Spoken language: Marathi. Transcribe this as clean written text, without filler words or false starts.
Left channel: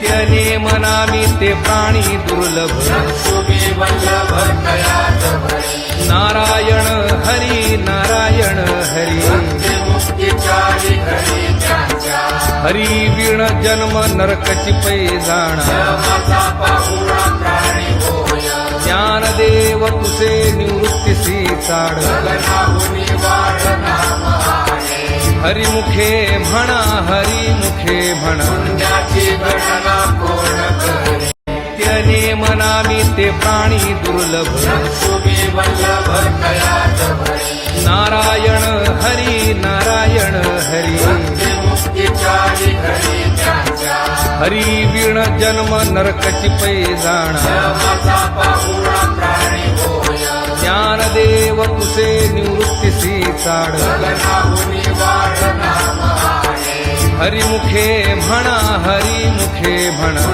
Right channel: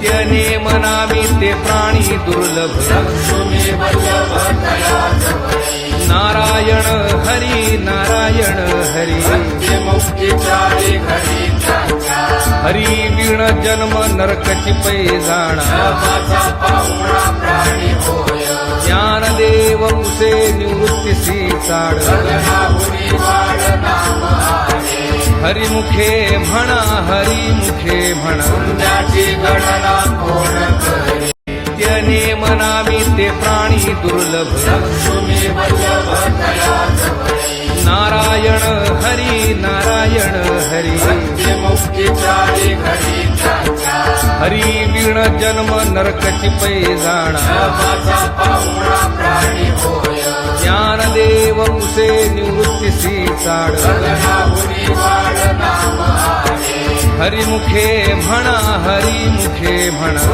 नित्य नेमनामी ते प्राणी दुर्लभ नारायण हरी नारायण हरी हरी विण जन्म नरकची पैजाणा ज्ञानदेव कुसे निवृत्तीसी चाड हरिमुखे म्हणा हरिमुखे म्हणा नित्य नेमनामी ते प्राणी दुर्लभ नारायण हरी नारायण हरी हरी विण जन्म नरकची पैजाणा ज्ञानदेव कुसे निवृत्तीसी चाड हरिमुखे म्हणा हरिमुखे म्हणा